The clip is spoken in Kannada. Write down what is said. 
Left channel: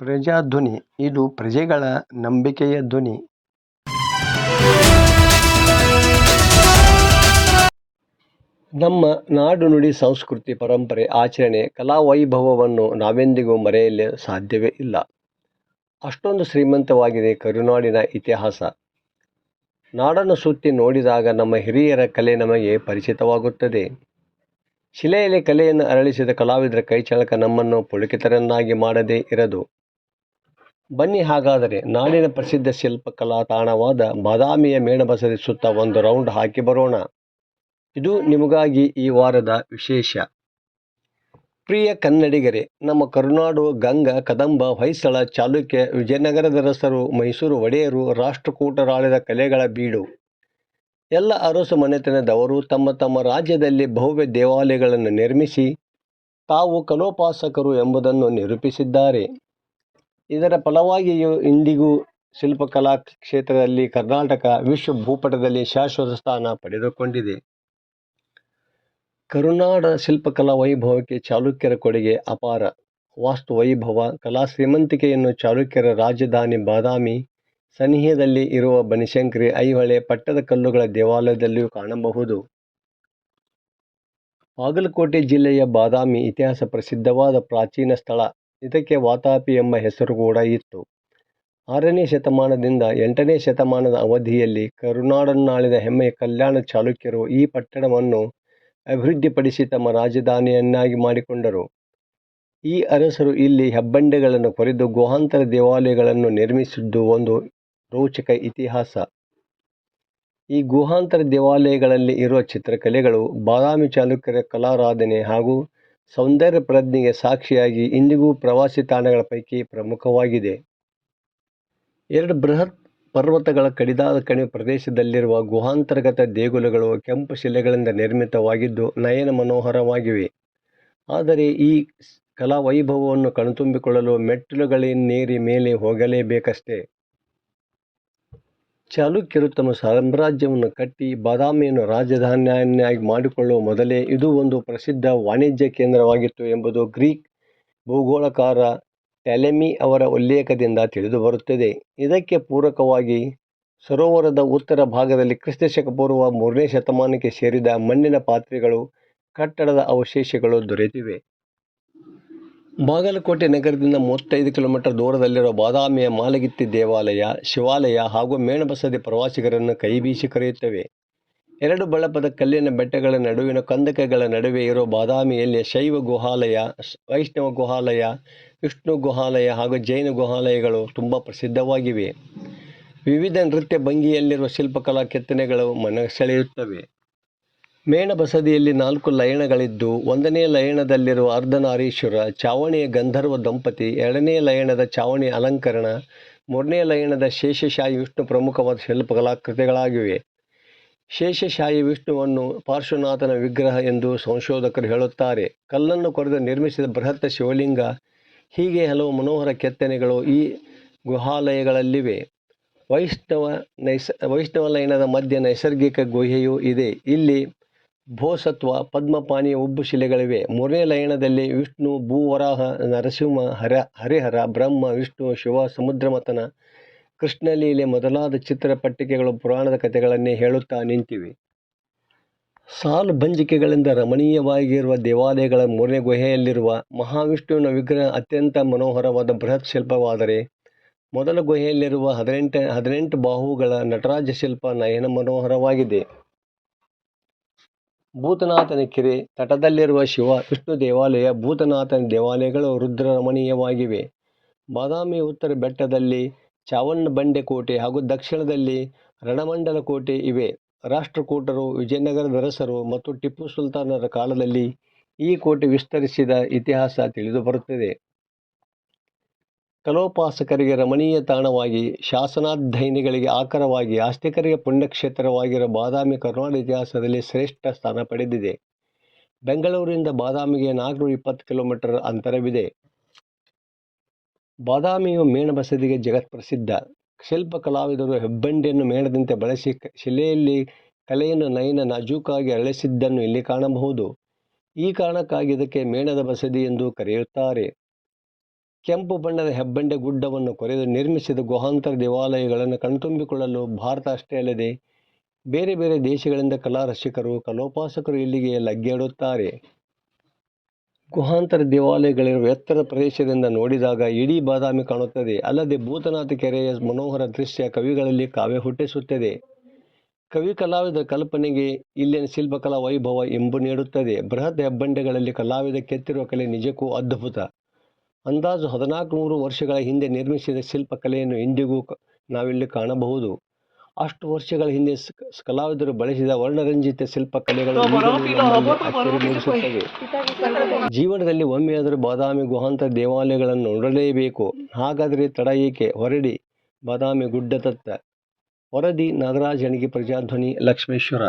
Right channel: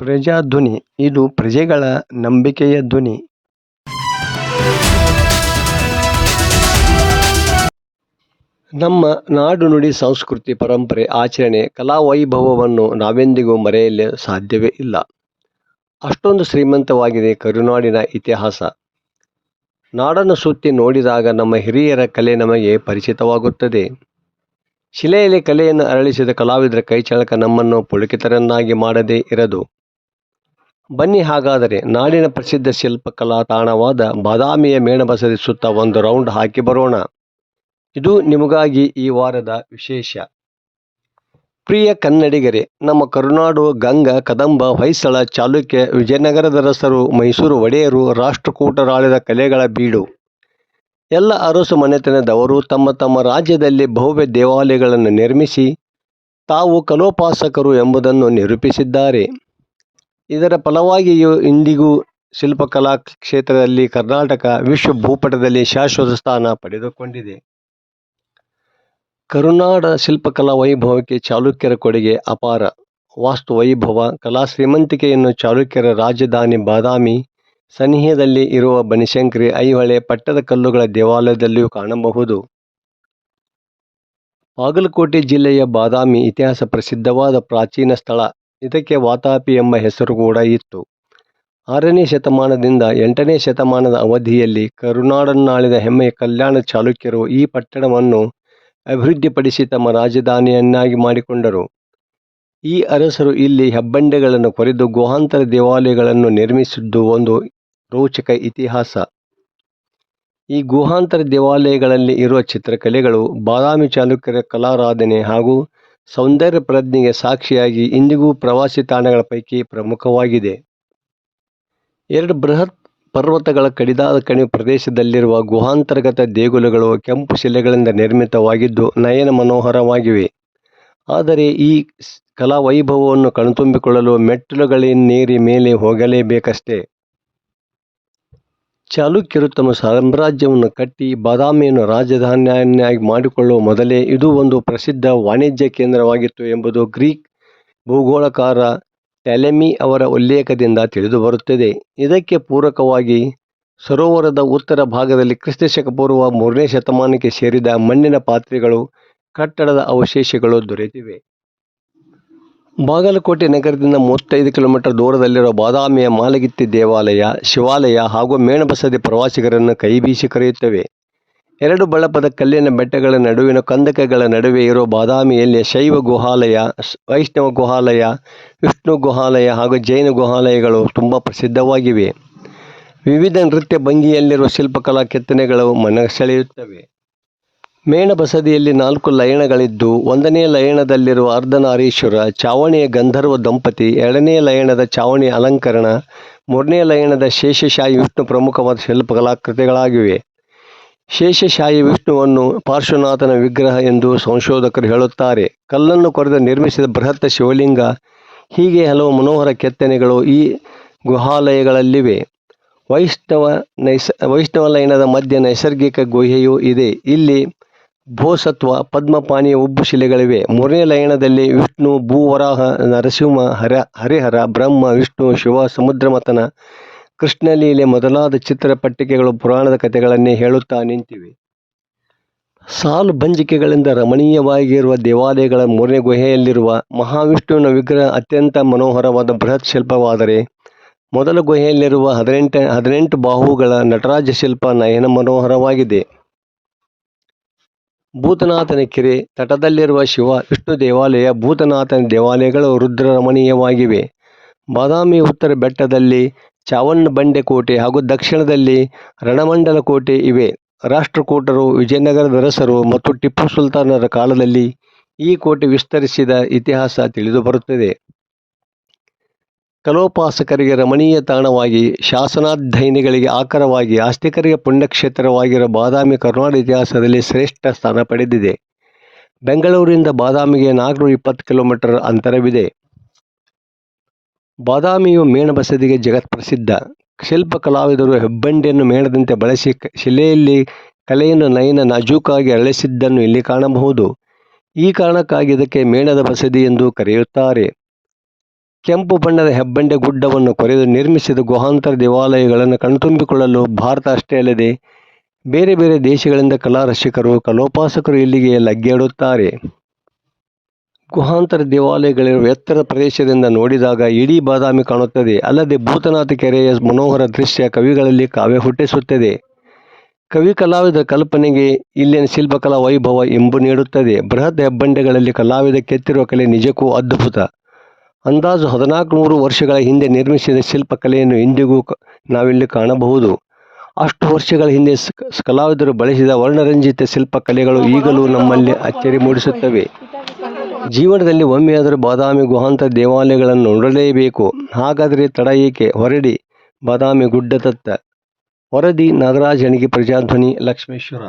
ಪ್ರಜಾಧ್ವನಿ ಇದು ಪ್ರಜೆಗಳ ನಂಬಿಕೆಯ ಧ್ವನಿ. ನಮ್ಮ ನಾಡು ನುಡಿ ಸಂಸ್ಕೃತಿ ಪರಂಪರೆ ಆಚರಣೆ ಕಲಾವೈಭವವನ್ನು ನಾವೆಂದಿಗೂ ಮರೆಯಲು ಸಾಧ್ಯವೇ ಇಲ್ಲ. ಅಷ್ಟೊಂದು ಶ್ರೀಮಂತವಾಗಿದೆ ಕರುನಾಡಿನ ಇತಿಹಾಸ. ನಾಡನ್ನು ಸುತ್ತಿ ನೋಡಿದಾಗ ನಮ್ಮ ಹಿರಿಯರ ಕಲೆ ನಮಗೆ ಪರಿಚಿತವಾಗುತ್ತದೆ. ಶಿಲೆಯಲ್ಲಿ ಕಲೆಯನ್ನು ಅರಳಿಸಿದ ಕಲಾವಿದರ ಕೈಚಳಕ ನಮ್ಮನ್ನು ಪುಳಕಿತರನ್ನಾಗಿ ಮಾಡದೇ ಇರದು. ಬನ್ನಿ ಹಾಗಾದರೆ ನಾಡಿನ ಪ್ರಸಿದ್ಧ ಶಿಲ್ಪಕಲಾ ತಾಣವಾದ ಬಾದಾಮಿಯ ಮೇಣಬಸದಿ ಸುತ್ತ ಒಂದು ರೌಂಡ್ ಹಾಕಿ ಬರೋಣ. ಇದು ನಿಮಗಾಗಿ ಈ ವಾರದ ವಿಶೇಷ. ಪ್ರಿಯ ಕನ್ನಡಿಗರೇ, ನಮ್ಮ ಕರುನಾಡು ಗಂಗ, ಕದಂಬ, ಹೊಯ್ಸಳ, ಚಾಲುಕ್ಯ, ವಿಜಯನಗರದರಸರು, ಮೈಸೂರು ಒಡೆಯರು, ರಾಷ್ಟ್ರಕೂಟರಾಳಿದ ಕಲೆಗಳ ಬೀಡು. ಎಲ್ಲ ಅರಸು ಮನೆತನದವರು ತಮ್ಮ ತಮ್ಮ ರಾಜ್ಯದಲ್ಲಿ ಭವ್ಯ ದೇವಾಲಯಗಳನ್ನು ನಿರ್ಮಿಸಿ ತಾವು ಕಲೋಪಾಸಕರು ಎಂಬುದನ್ನು ನಿರೂಪಿಸಿದ್ದಾರೆ. ಇದರ ಫಲವಾಗಿಯೂ ಇಂದಿಗೂ ಶಿಲ್ಪಕಲಾ ಕ್ಷೇತ್ರದಲ್ಲಿ ಕರ್ನಾಟಕ ವಿಶ್ವ ಭೂಪಟದಲ್ಲಿ ಶಾಶ್ವತ ಸ್ಥಾನ ಪಡೆದುಕೊಂಡಿದೆ. ಕರುನಾಡ ಶಿಲ್ಪಕಲಾ ವೈಭವಕ್ಕೆ ಚಾಲುಕ್ಯರ ಕೊಡುಗೆ ಅಪಾರ. ವಾಸ್ತು ವೈಭವ, ಕಲಾ ಶ್ರೀಮಂತಿಕೆಯನ್ನು ಚಾಲುಕ್ಯರ ರಾಜಧಾನಿ ಬಾದಾಮಿ ಸನಿಹದಲ್ಲಿ ಇರುವ ಬನಶಂಕರಿ, ಐಹೊಳೆ, ಪಟ್ಟದಕಲ್ಲುಗಳ ದೇವಾಲಯದಲ್ಲಿಯೂ ಕಾಣಬಹುದು. ಬಾಗಲಕೋಟೆ ಜಿಲ್ಲೆಯ ಬಾದಾಮಿ ಇತಿಹಾಸ ಪ್ರಸಿದ್ಧವಾದ ಪ್ರಾಚೀನ ಸ್ಥಳ. ಇದಕ್ಕೆ ವಾತಾಪಿ ಎಂಬ ಹೆಸರು ಕೂಡ ಇತ್ತು. 6ನೇ ಶತಮಾನದಿಂದ 8ನೇ ಶತಮಾನದ ಅವಧಿಯಲ್ಲಿ ಕರುನಾಡನ್ನಾಳಿದ ಹೆಮ್ಮೆಯ ಕಲ್ಯಾಣ ಚಾಲುಕ್ಯರು ಈ ಪಟ್ಟಣವನ್ನು ಅಭಿವೃದ್ಧಿಪಡಿಸಿ ತಮ್ಮ ರಾಜಧಾನಿಯನ್ನಾಗಿ ಮಾಡಿಕೊಂಡರು. ಈ ಅರಸರು ಇಲ್ಲಿ ಹೆಬ್ಬಂಡೆಗಳನ್ನು ಕೊರೆದು ಗುಹಾಂತರ ದೇವಾಲಯಗಳನ್ನು ನಿರ್ಮಿಸಿದ್ದು ಒಂದು ರೋಚಕ ಇತಿಹಾಸ. ಈ ಗುಹಾಂತರ ದೇವಾಲಯಗಳಲ್ಲಿ ಇರುವ ಚಿತ್ರಕಲೆಗಳು ಬಾದಾಮಿ ಚಾಲುಕ್ಯರ ಕಲಾರಾಧನೆ ಹಾಗೂ ಸೌಂದರ್ಯ ಪ್ರಜ್ಞೆಗೆ ಸಾಕ್ಷಿಯಾಗಿ ಇಂದಿಗೂ ಪ್ರವಾಸಿ ತಾಣಗಳ ಪೈಕಿ ಪ್ರಮುಖವಾಗಿದೆ. 2 ಬೃಹತ್ ಪರ್ವತಗಳ ಕಡಿದಾದ ಕಣಿವೆ ಪ್ರದೇಶದಲ್ಲಿರುವ ಗುಹಾಂತರ್ಗತ ದೇಗುಲಗಳು ಕೆಂಪು ಶಿಲೆಗಳಿಂದ ನಿರ್ಮಿತವಾಗಿದ್ದು ನಯನ ಮನೋಹರವಾಗಿವೆ. ಆದರೆ ಈ ಕಲಾ ವೈಭವವನ್ನು ಕಣ್ತುಂಬಿಕೊಳ್ಳಲು ಮೆಟ್ಟಿಲುಗಳನ್ನೇರಿ ಮೇಲೆ ಹೋಗಲೇಬೇಕಷ್ಟೇ. ಚಾಲುಕ್ಯರು ತಮ್ಮ ಸಾಮ್ರಾಜ್ಯವನ್ನು ಕಟ್ಟಿ ಬಾದಾಮಿಯನ್ನು ರಾಜಧಾನಿಯನ್ನಾಗಿ ಮಾಡಿಕೊಳ್ಳುವ ಮೊದಲೇ ಇದು ಒಂದು ಪ್ರಸಿದ್ಧ ವಾಣಿಜ್ಯ ಕೇಂದ್ರವಾಗಿತ್ತು ಎಂಬುದು ಗ್ರೀಕ್ ಭೂಗೋಳಕಾರ ಟಾಲೆಮಿ ಅವರ ಉಲ್ಲೇಖದಿಂದ ತಿಳಿದುಬರುತ್ತದೆ. ಇದಕ್ಕೆ ಪೂರಕವಾಗಿ ಸರೋವರದ ಉತ್ತರ ಭಾಗದಲ್ಲಿ ಕ್ರಿಸ್ತಶಕ ಪೂರ್ವ 3ನೇ ಶತಮಾನಕ್ಕೆ ಸೇರಿದ ಮಣ್ಣಿನ ಪಾತ್ರೆಗಳು, ಕಟ್ಟಡದ ಅವಶೇಷಗಳು ದೊರೆತಿವೆ. ಬಾಗಲಕೋಟೆ ನಗರದಿಂದ 35 ಕಿಲೋಮೀಟರ್ ದೂರದಲ್ಲಿರುವ ಬಾದಾಮಿಯ ಮಾಲಗಿತ್ತಿ ದೇವಾಲಯ, ಶಿವಾಲಯ ಹಾಗೂ ಮೇಣಬಸದಿ ಪ್ರವಾಸಿಗರನ್ನು ಕೈಬೀಸಿ ಕರೆಯುತ್ತವೆ. 2 ಬಳಪದ ಕಲ್ಲಿನ ಬೆಟ್ಟಗಳ ನಡುವಿನ ಕಂದಕಗಳ ನಡುವೆ ಇರುವ ಬಾದಾಮಿಯಲ್ಲಿ ಶೈವ ಗುಹಾಲಯ, ವೈಷ್ಣವ ಗುಹಾಲಯ, ವಿಷ್ಣು ಗುಹಾಲಯ ಹಾಗೂ ಜೈನ ಗುಹಾಲಯಗಳು ತುಂಬ ಪ್ರಸಿದ್ಧವಾಗಿವೆ. ವಿವಿಧ ನೃತ್ಯ ಭಂಗಿಯಲ್ಲಿರುವ ಶಿಲ್ಪಕಲಾ ಕೆತ್ತನೆಗಳು ಮನಸೆಳೆಯುತ್ತವೆ. ಮೇಣಬಸದಿಯಲ್ಲಿ 4 ಲಯಣಗಳಿದ್ದು 1ನೇ ಲಯಣದಲ್ಲಿರುವ ಅರ್ಧನಾರೀಶ್ವರ, ಚಾವಣಿಯ ಗಂಧರ್ವ ದಂಪತಿ, 2ನೇ ಲಯಣದ ಚಾವಣಿಯ ಅಲಂಕರಣ, 3ನೇ ಲಯಣದ ಶೇಷಶಾಹಿ ವಿಷ್ಣು ಪ್ರಮುಖವಾದ ಶಿಲ್ಪಕಲಾಕೃತಿಗಳಾಗಿವೆ. ಶೇಷಶಾಹಿ ವಿಷ್ಣುವನ್ನು ಪಾರ್ಶ್ವನಾಥನ ವಿಗ್ರಹ ಎಂದು ಸಂಶೋಧಕರು ಹೇಳುತ್ತಾರೆ. ಕಲ್ಲನ್ನು ಕೊರೆದು ನಿರ್ಮಿಸಿದ ಬೃಹತ್ ಶಿವಲಿಂಗ, ಹೀಗೆ ಹಲವು ಮನೋಹರ ಕೆತ್ತನೆಗಳು ಈ ಗುಹಾಲಯಗಳಲ್ಲಿವೆ. ವೈಷ್ಣವ ಲಯಣದ ಮಧ್ಯೆ ನೈಸರ್ಗಿಕ ಗುಹೆಯೂ ಇದೆ. ಇಲ್ಲಿ ಬೋಸತ್ವ, ಪದ್ಮಪಾಣಿಯ ಉಬ್ಬು ಶಿಲೆಗಳಿವೆ. 3ನೇ ಲಯಣದಲ್ಲಿ ವಿಷ್ಣು, ಭೂವರಾಹ, ನರಸಿಂಹ, ಹರಿಹರ, ಬ್ರಹ್ಮ, ವಿಷ್ಣು, ಶಿವ, ಸಮುದ್ರಮಥನ, ಕೃಷ್ಣಲೀಲೆ ಮೊದಲಾದ ಚಿತ್ರಪಟ್ಟಿಕೆಗಳು ಪುರಾಣದ ಕಥೆಗಳನ್ನೇ ಹೇಳುತ್ತಾ ನಿಂತಿವೆ. ಸಾಲು ಬಂಜಿಕೆಗಳಿಂದ ರಮಣೀಯವಾಗಿರುವ ದೇವಾಲಯಗಳ 3ನೇ ಗುಹೆಯಲ್ಲಿರುವ ಮಹಾವಿಷ್ಣುವಿನ ವಿಗ್ರಹ ಅತ್ಯಂತ ಮನೋಹರವಾದ ಬೃಹತ್ ಶಿಲ್ಪವಾದರೆ, ಮೊದಲ ಗುಹೆಯಲ್ಲಿರುವ 18 ಬಾಹುಗಳ ನಟರಾಜ ಶಿಲ್ಪ ನಯನ ಮನೋಹರವಾಗಿದೆ. ಭೂತನಾಥನ ಕೆರೆ ತಟದಲ್ಲಿರುವ ಶಿವ ವಿಷ್ಣು ದೇವಾಲಯ, ಭೂತನಾಥನ ದೇವಾಲಯಗಳು ರುದ್ರರಮಣೀಯವಾಗಿವೆ. ಬಾದಾಮಿ ಉತ್ತರ ಬೆಟ್ಟದಲ್ಲಿ ಚಾವಣ್ಣಬಂಡೆ ಕೋಟೆ ಹಾಗೂ ದಕ್ಷಿಣದಲ್ಲಿ ರಣಮಂಡಲ ಕೋಟೆ ಇವೆ. ರಾಷ್ಟ್ರಕೂಟರು, ವಿಜಯನಗರದರಸರು ಮತ್ತು ಟಿಪ್ಪು ಸುಲ್ತಾನರ ಕಾಲದಲ್ಲಿ ಈ ಕೋಟೆ ವಿಸ್ತರಿಸಿದ ಇತಿಹಾಸ ತಿಳಿದುಬರುತ್ತದೆ. ಕಲೋಪಾಸಕರಿಗೆ ರಮಣೀಯ ತಾಣವಾಗಿ, ಶಾಸನಾಧ್ಯಯನಿಗಳಿಗೆ ಆಕರವಾಗಿ, ಆಸ್ತಿಕರಿಗೆ ಪುಣ್ಯಕ್ಷೇತ್ರವಾಗಿರುವ ಬಾದಾಮಿ ಕರುನಾಡ ಇತಿಹಾಸದಲ್ಲಿ ಶ್ರೇಷ್ಠ ಸ್ಥಾನ ಪಡೆದಿದೆ. ಬೆಂಗಳೂರಿನಿಂದ ಬಾದಾಮಿಗೆ 420 ಕಿಲೋಮೀಟರ್ ಅಂತರವಿದೆ. ಬಾದಾಮಿಯು ಮೇಣಬಸದಿಗೆ ಜಗತ್ಪ್ರಸಿದ್ಧ. ಶಿಲ್ಪ ಕಲಾವಿದರು ಹೆಬ್ಬಂಡೆಯನ್ನು ಮೇಣದಂತೆ ಬಳಸಿ ಶಿಲೆಯಲ್ಲಿ ಕಲೆಯನ್ನು ನಯನ ನಾಜೂಕಾಗಿ ಅರಳಿಸಿದ್ದನ್ನು ಇಲ್ಲಿ ಕಾಣಬಹುದು. ಈ ಕಾರಣಕ್ಕಾಗಿ ಇದಕ್ಕೆ ಮೇಣದ ಬಸದಿ ಎಂದು ಕರೆಯುತ್ತಾರೆ. ಕೆಂಪು ಬಣ್ಣದ ಹೆಬ್ಬಂಡೆ ಗುಡ್ಡವನ್ನು ಕೊರೆದು ನಿರ್ಮಿಸಿದ ಗುಹಾಂತರ ದೇವಾಲಯಗಳನ್ನು ಕಣ್ತುಂಬಿಕೊಳ್ಳಲು ಭಾರತ ಅಷ್ಟೇ ಅಲ್ಲದೆ ಬೇರೆ ಬೇರೆ ದೇಶಗಳಿಂದ ಕಲಾ ರಸಿಕರು ಕಲೋಪಾಸಕರು ಇಲ್ಲಿಗೆ ಲಗ್ಗೆಯಿಡುತ್ತಾರೆ. ಗುಹಾಂತರ ದೇವಾಲಯಗಳಿರುವ ಎತ್ತರ ಪ್ರದೇಶದಿಂದ ನೋಡಿದಾಗ ಇಡೀ ಬಾದಾಮಿ ಕಾಣುತ್ತದೆ. ಅಲ್ಲದೆ ಭೂತನಾಥ ಕೆರೆಯ ಮನೋಹರ ದೃಶ್ಯ ಕವಿಗಳಲ್ಲಿ ಕಾವ್ಯ ಹುಟ್ಟಿಸುತ್ತದೆ. ಕವಿ ಕಲಾವಿದ ಕಲ್ಪನೆಗೆ ಇಲ್ಲಿನ ಶಿಲ್ಪಕಲಾ ವೈಭವ ಇಂಬು ನೀಡುತ್ತದೆ. ಬೃಹತ್ ಹೆಬ್ಬಂಡೆಗಳಲ್ಲಿ ಕಲಾವಿದ ಕೆತ್ತಿರುವ ಕಲೆ ನಿಜಕ್ಕೂ ಅದ್ಭುತ. ಅಂದಾಜು 1400 ವರ್ಷಗಳ ಹಿಂದೆ ನಿರ್ಮಿಸಿದ ಶಿಲ್ಪಕಲೆಯನ್ನು ಇಂದಿಗೂ ನಾವಿಲ್ಲಿ ಕಾಣಬಹುದು. ಅಷ್ಟು ವರ್ಷಗಳ ಹಿಂದೆ ಕಲಾವಿದರು ಬಳಸಿದ ವರ್ಣರಂಜಿತ ಶಿಲ್ಪಕಲೆಗಳು ಈಗಲೂ ನಮ್ಮಲ್ಲಿ ಅಚ್ಚರಿ ಮೂಡಿಸುತ್ತವೆ. ಜೀವನದಲ್ಲಿ ಒಮ್ಮೆಯಾದರೂ ಬಾದಾಮಿ ಗುಹಾಂತರ ದೇವಾಲಯಗಳನ್ನು ನೋಡಲೇಬೇಕು. ಹಾಗಾದರೆ ತಡ ಏಕೆ, ಹೊರಡಿ ಬಾದಾಮಿ ಗುಡ್ಡದತ್ತ. ವರದಿ ನಾಗರಾಜ್ ಹೆಣಗಿ, ಪ್ರಜಾಧ್ವನಿ, ಲಕ್ಷ್ಮೇಶ್ವರ.